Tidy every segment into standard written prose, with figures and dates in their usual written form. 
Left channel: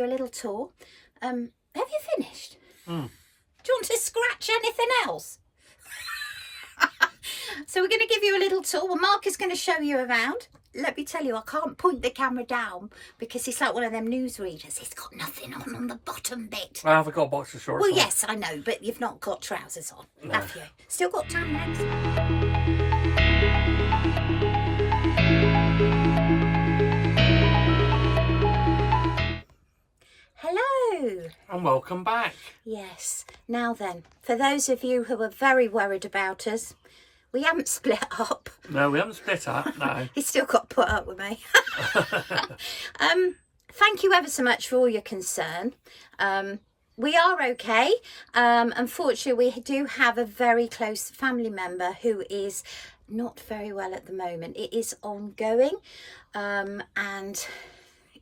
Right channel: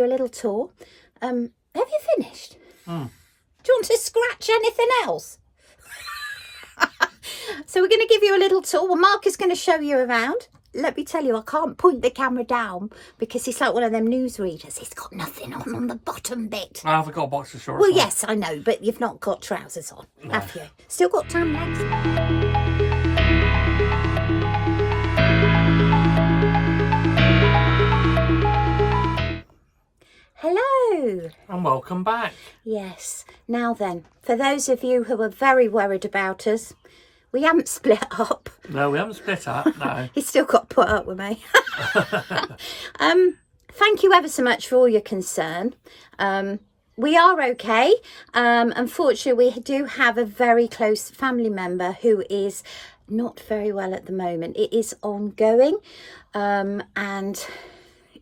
you a little tour. Have you finished? Mm. Do you want to scratch anything else? So we're going to give you a little tour. Well, Mark is going to show you around. Let me tell you, I can't point the camera down because he's like one of them newsreaders. He's got nothing on the bottom bit. I haven't got a box of shorts. Well, yes, I know, but you've not got trousers on, have you? Still got tan legs. Hello. And welcome back. Yes. Now then, for those of you who are very worried about us, we haven't split up. No, we haven't split up, no. He's still got to put up with me. Thank you ever so much for all your concern. We are okay. Unfortunately, we do have a very close family member who is not very well at the moment. It is ongoing, and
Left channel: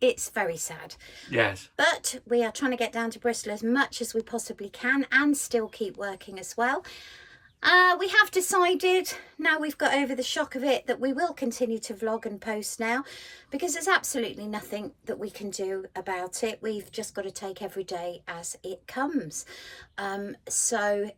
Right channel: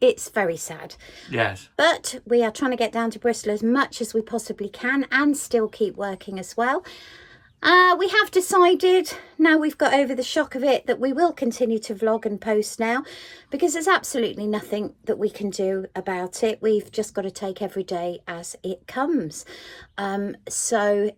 it's very sad. Yes. But we are trying to get down to Bristol as much as we possibly can and still keep working as well. We have decided, now we've got over the shock of it, that we will continue to vlog and post now because there's absolutely nothing that we can do about it. We've just got to take every day as it comes. So,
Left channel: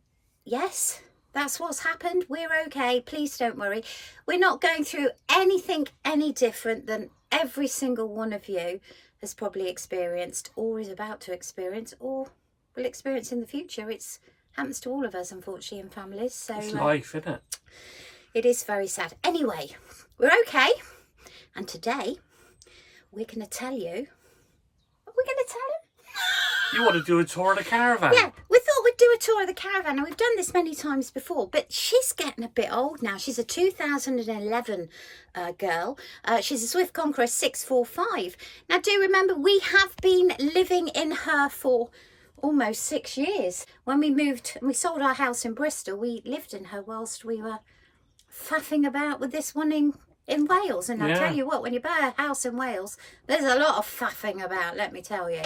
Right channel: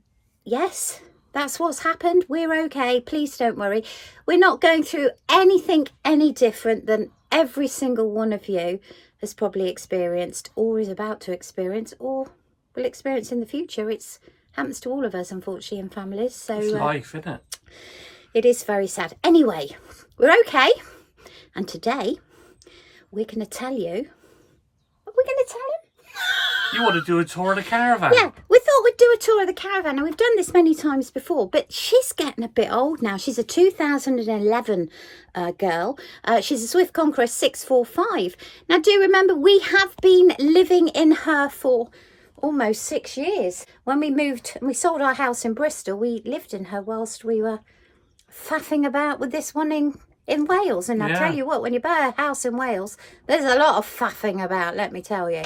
yes, that's what's happened. We're okay. Please don't worry. We're not going through anything any different than every single one of you has probably experienced or is about to experience or will experience in the future. It's happens to all of us, unfortunately, in families. So it's life, isn't it? It is very sad. Anyway, we're okay. And today, we're going to tell you... What are we going to tell him? You want to do a tour of the caravan? Yeah, we thought we'd do a tour of the caravan. Now, we've done this many times before, but she's getting a bit old now. She's a 2011 girl. She's a Swift Conqueror 645. Now, do remember, we have been living in her for almost 6 years. When we moved and we sold our house in Bristol, we lived in her whilst we were faffing about with this one in Wales. And I tell you what, when you buy a house in Wales, there's a lot of faffing about, let me tell you.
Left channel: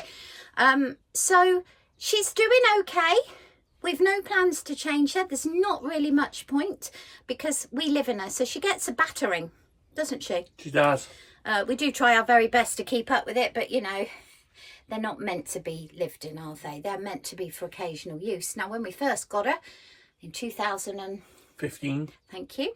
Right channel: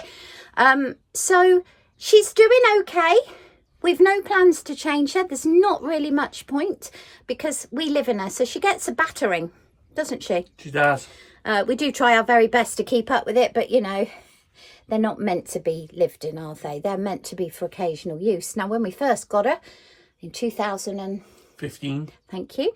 So she's doing okay. We've no plans to change her. There's not really much point because we live in her. So she gets a battering, doesn't she? She does. We do try our very best to keep up with it, but you know, they're not meant to be lived in, are they? They're meant to be for occasional use. Now, when we first got her in 2015, thank you,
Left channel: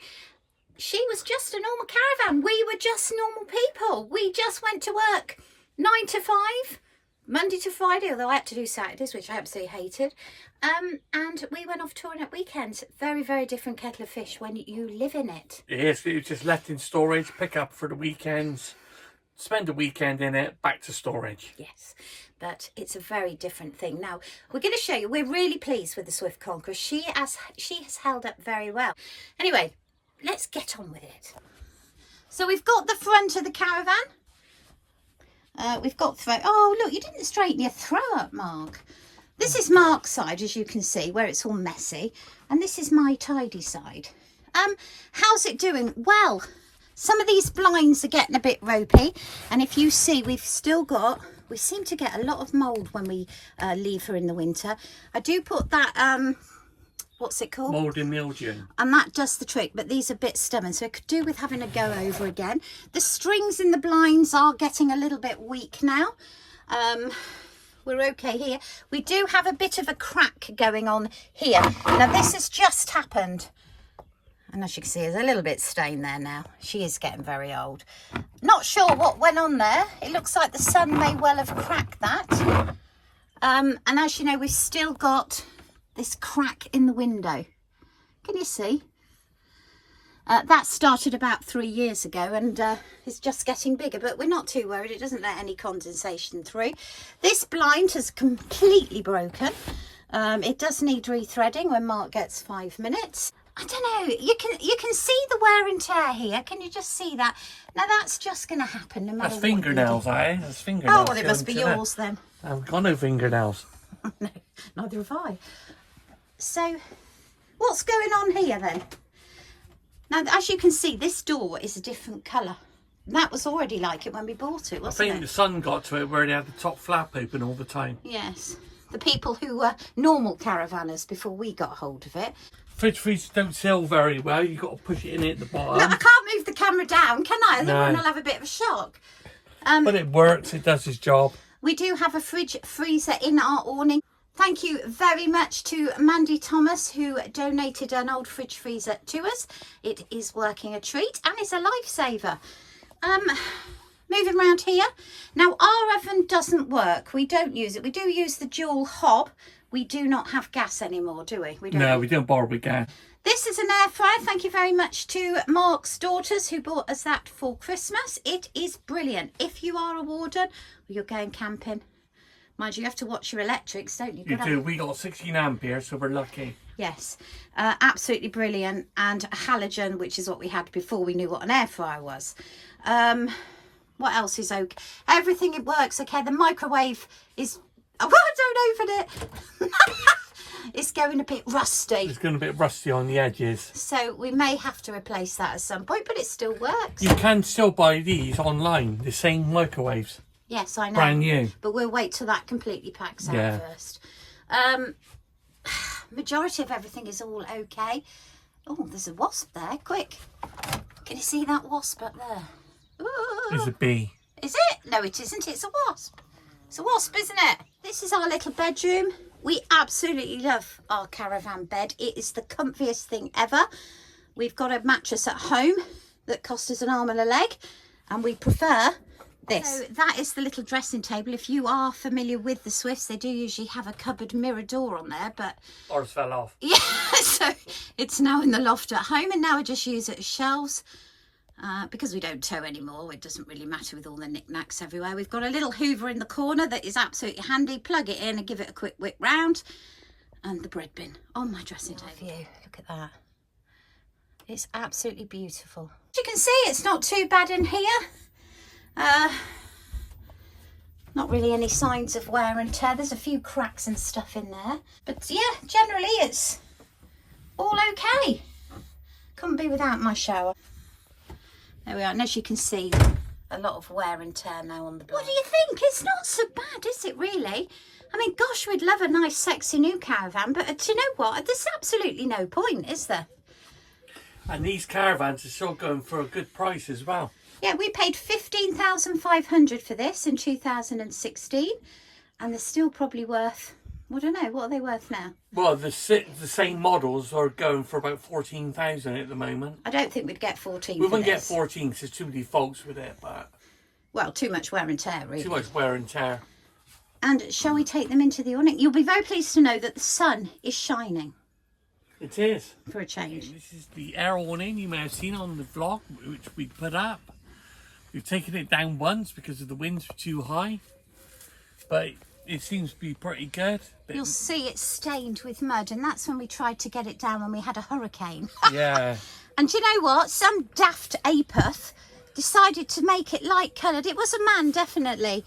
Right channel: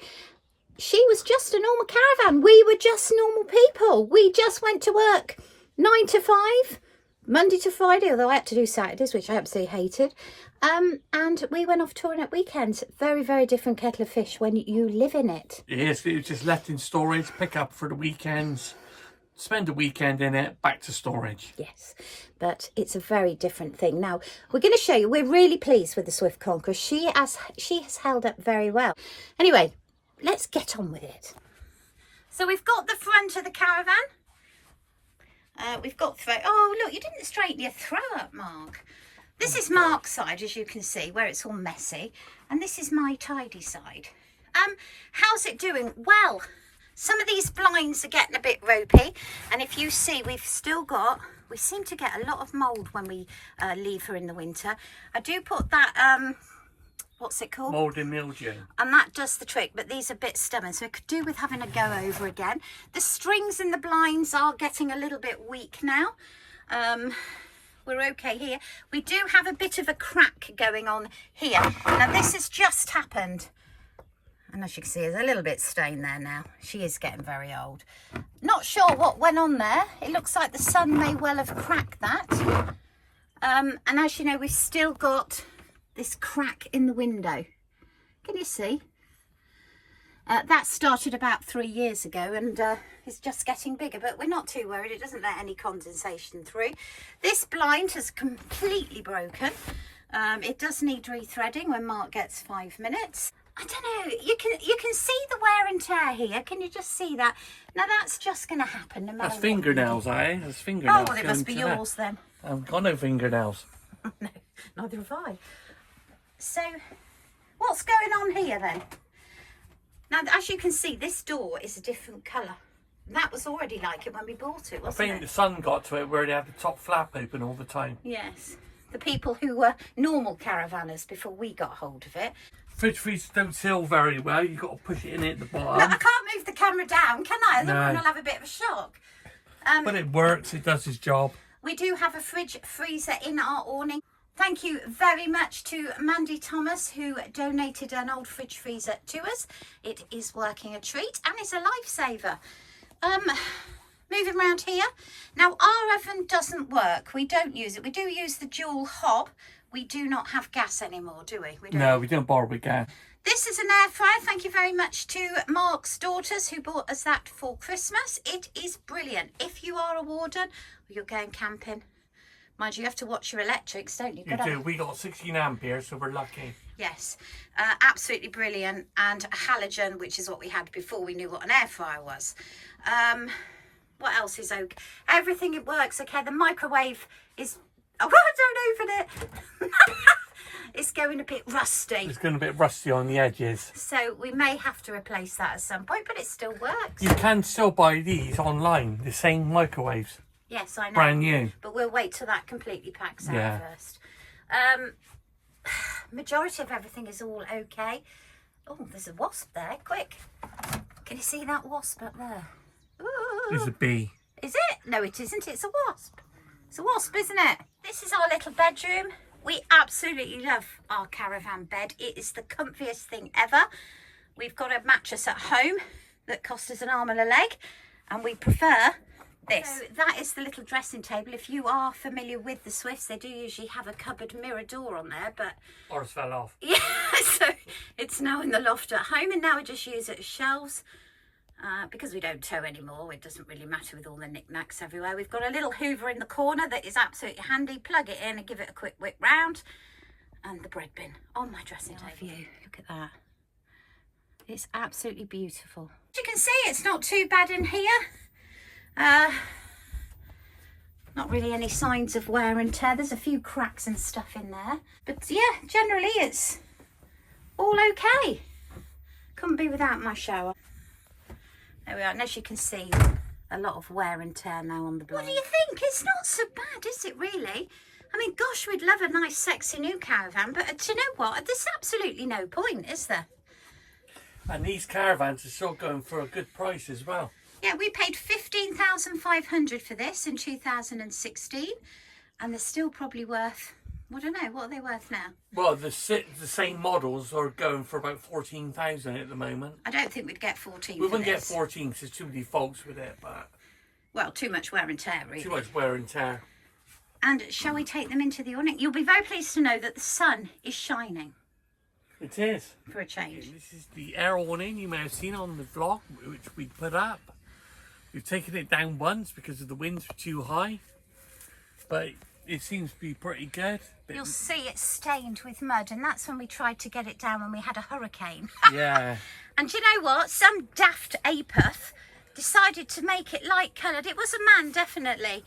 she was just a normal caravan. We were just normal people. We just went to work 9 to 5, Monday to Friday, although I had to do Saturdays, which I absolutely hated. And we went off touring at weekends. Very, very different kettle of fish when you live in it. Yes, it was just left in storage, pick up for the weekends, spend a weekend in it, back to storage. Yes, but it's a very different thing. Now, we're going to show you, we're really pleased with the Swift Conqueror. She has held up very well. Anyway, let's get on with it. So we've got the front of the caravan. We've got throat. Oh, look, you didn't straighten your throat up, Mark. This is Mark's side, as you can see, where it's all messy. And this is my tidy side. How's it doing? Well, some of these blinds are getting a bit ropey, and if you see, we seem to get a lot of mould when we leave her in the winter. I do put that, what's it called? Mould and mildew. And that does the trick, but these are a bit stubborn, so it could do with having a go over again. The strings in the blinds are getting a little bit weak now. We're okay here. We do have a bit of a crack going on here. Now, this has just happened. And as you can see, there's a little bit stained there now. She is getting very old. Not sure what went on there. It looks like the sun may well have cracked that. And as you know, we've still got this crack in the window. Can you see? That started about 3 years ago and is just getting bigger, but we're not too worried. It doesn't let any condensation through. This blind has completely broken. It does need rethreading when Mark gets 5 minutes. I don't know, you can see the wear and tear here. Can you just see that? Now that's just going to happen no matter That's what. fingernails, eh? That's fingernails. Oh, well, it must be yours then. I've got no fingernails. No, neither have I. So, what's going on here then? Now, as you can see, this door is a different colour. That was already like it when we bought it, wasn't it? I think the sun got to it where they had the top flap open all the time. Yes. The people who were normal caravanners before we got hold of it. Fridge freezers don't sell very well. You've got to push it in at the bottom. Look, I can't move the camera down, can I? I think No. everyone will have a bit of a shock. But it works. It does its job. We do have a fridge freezer in our awning. Thank you very much to Mandy Thomas, who donated an old fridge freezer to us. It is working a treat and is a lifesaver. Moving around here. Now, our oven doesn't work. We don't use it. We do use the dual hob. We do not have gas anymore, do we? No, we don't borrow with gas. This is an air fryer. Thank you very much to Mark's daughters who bought us that for Christmas. It is brilliant. If you are a warden or you're going camping, mind you have to watch your electrics, don't you? You do. We got 16 amperes, so we're lucky. Yes, absolutely brilliant. And a halogen, which is what we had before we knew what an air fryer was. What else is okay? Everything, it works okay. The microwave is... Oh, don't open it. It's going a bit rusty. It's going a bit rusty on the edges. So we may have to replace that at some point, but it still works. You can still buy these online, the same microwaves. Yes, I know. Brand new. But we'll wait till that completely packs out first. Majority of everything is all okay. Oh, there's a wasp there. Quick. Can you see that wasp up there? Ooh. There's a bee. Is it? No, it isn't. It's a wasp. It's a wasp, isn't it? This is our little bedroom. We absolutely love our caravan bed. It is the comfiest thing ever. We've got a mattress at home that cost us an arm and a leg, and we prefer this. So that is the little dressing table. If you are familiar with the Swifts, they do usually have a cupboard mirror door on there, but Ours fell off. yeah, so it's now in the loft at home, and now I just use it as shelves. Because we don't tow anymore, it doesn't really matter with all the knickknacks everywhere. We've got a little Hoover in the corner that is absolutely handy. Plug it in and give it a quick whip round. And the bread bin on my dressing table. Look at that. It's absolutely beautiful. As you can see, it's not too bad in here. Not really any signs of wear and tear. There's a few cracks and stuff in there. But yeah, generally it's all okay. Couldn't be without my shower. There we are, and as you can see, a lot of wear and tear now on the blind. What do you think? It's not so bad, is it really? I mean, gosh, we'd love a nice, sexy new caravan, but do you know what? There's absolutely no point, is there? And these caravans are still going for a good price as well. Yeah, we paid $15,500 for this in 2016, and they're still probably worth... I don't know, what are they worth now? Well, the same models are going for about 14,000 at the moment. I don't think we'd get 14. We wouldn't get 14 because there's too many faults with it, but... Well, too much wear and tear, really. Too much wear and tear. And shall we take them into the awning? You'll be very pleased to know that the sun is shining. It is. For a change. This is the air awning you may have seen on the vlog, which we put up. We've taken it down once because of the winds were too high. But... it seems to be pretty good. You'll see it's stained with mud, and that's when we tried to get it down when we had a hurricane. Yeah. And you know what? Some daft apoth decided to make it light coloured. It was a man, definitely.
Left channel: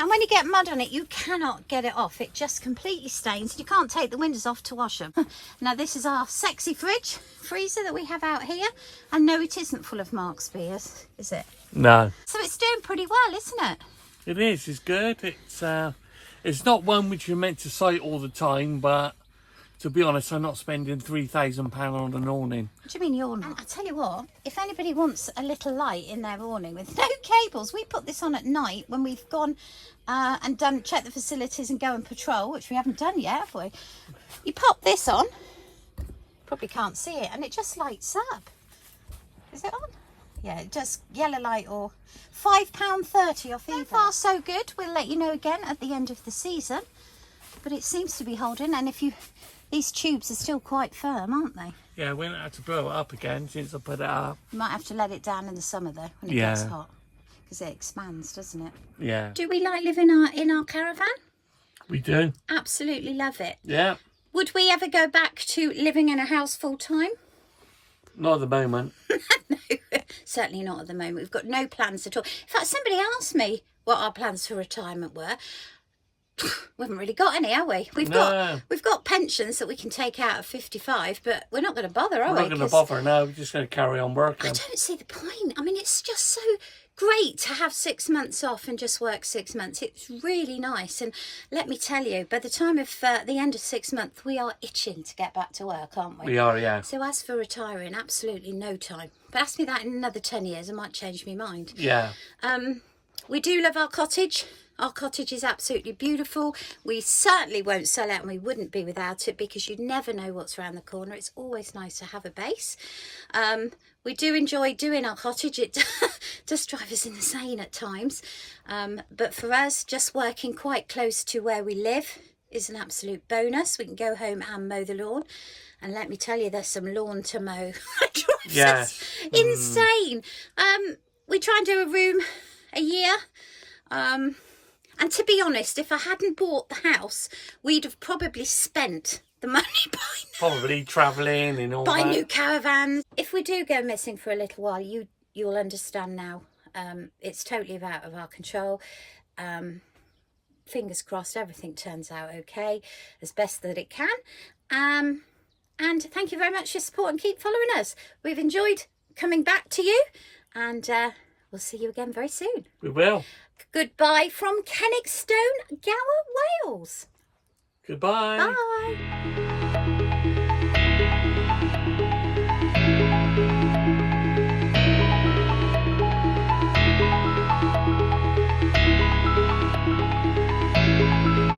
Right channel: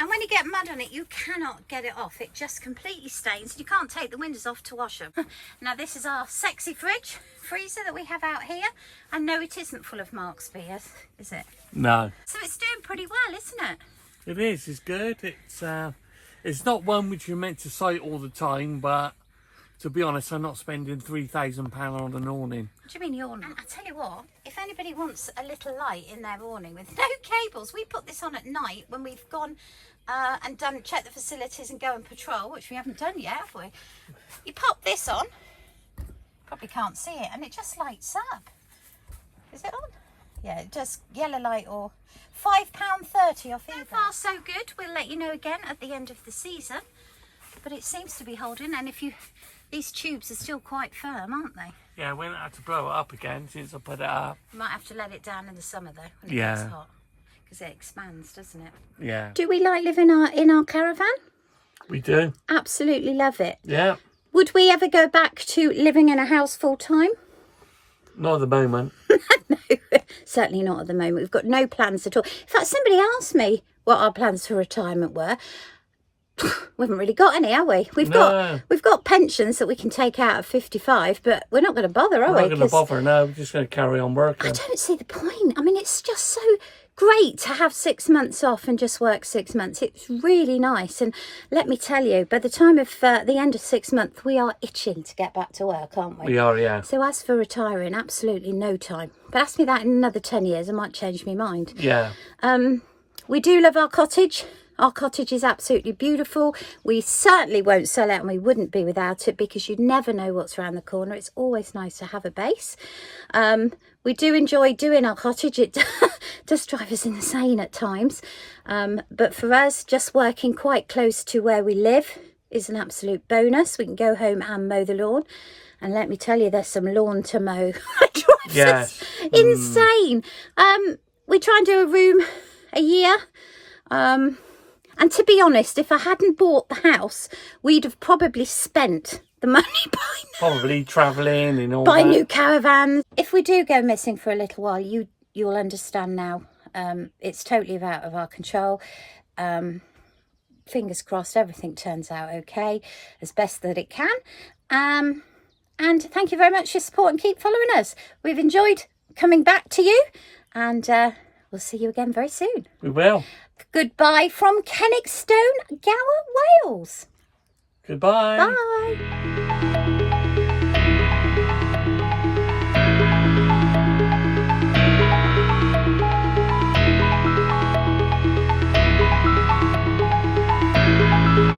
And when you get mud on it, you cannot get it off. It just completely stains. You can't take the windows off to wash them. Now, this is our sexy freezer that we have out here. And no, it isn't full of Mark's beers, is it? No. So it's doing pretty well, isn't it? It is. It's good. It's not one which you're meant to sight all the time, but to be honest, I'm not spending £3,000 on an awning. What do you mean you're not? I tell you what, if anybody wants a little light in their awning with no cables, we put this on at night when we've gone and check the facilities and go and patrol, which we haven't done yet, have we? You pop this on, probably can't see it, and it just lights up. Is it on? Yeah, it does. Yellow light or £5.30 off eBay. So far so good. We'll let you know again at the end of the season. But it seems to be holding, and these tubes are still quite firm, aren't they? Yeah, we don't have to blow it up again since I put it up. You might have to let it down in the summer though, when it gets hot. Because it expands, doesn't it? Yeah. Do we like living in our caravan? We do. Absolutely love it. Yeah. Would we ever go back to living in a house full time? Not at the moment. No, certainly not at the moment. We've got no plans at all. In fact, somebody asked me what our plans for retirement were. We haven't really got any, have we? We've got pensions that we can take out at 55, but we're not going to bother, are we? We're not going to bother, no. We're just going to carry on working. I don't see the point. I mean, it's just so great to have 6 months off and just work 6 months. It's really nice. And let me tell you, by the time of the end of 6 months, we are itching to get back to work, aren't we? We are, yeah. So as for retiring, absolutely no time. But ask me that in another 10 years, I might change my mind. Yeah. We do love our cottage. Our cottage is absolutely beautiful. We certainly won't sell it, and we wouldn't be without it, because you never know what's around the corner. It's always nice to have a base. We do enjoy doing our cottage. It does drive us insane at times. But for us, just working quite close to where we live is an absolute bonus. We can go home and mow the lawn. And let me tell you, there's some lawn to mow. It drives us insane. We try and do a room a year. And to be honest, if I hadn't bought the house, we'd have probably spent the money buying, probably travelling and all buy that. new caravans. If we do go missing for a little while, you'll understand now. It's totally out of our control. Fingers crossed, everything turns out okay, as best that it can. And thank you very much for your support, and keep following us. We've enjoyed coming back to you, and we'll see you again very soon. We will. Goodbye from Kenwickstone, Gower, Wales. Goodbye. Bye.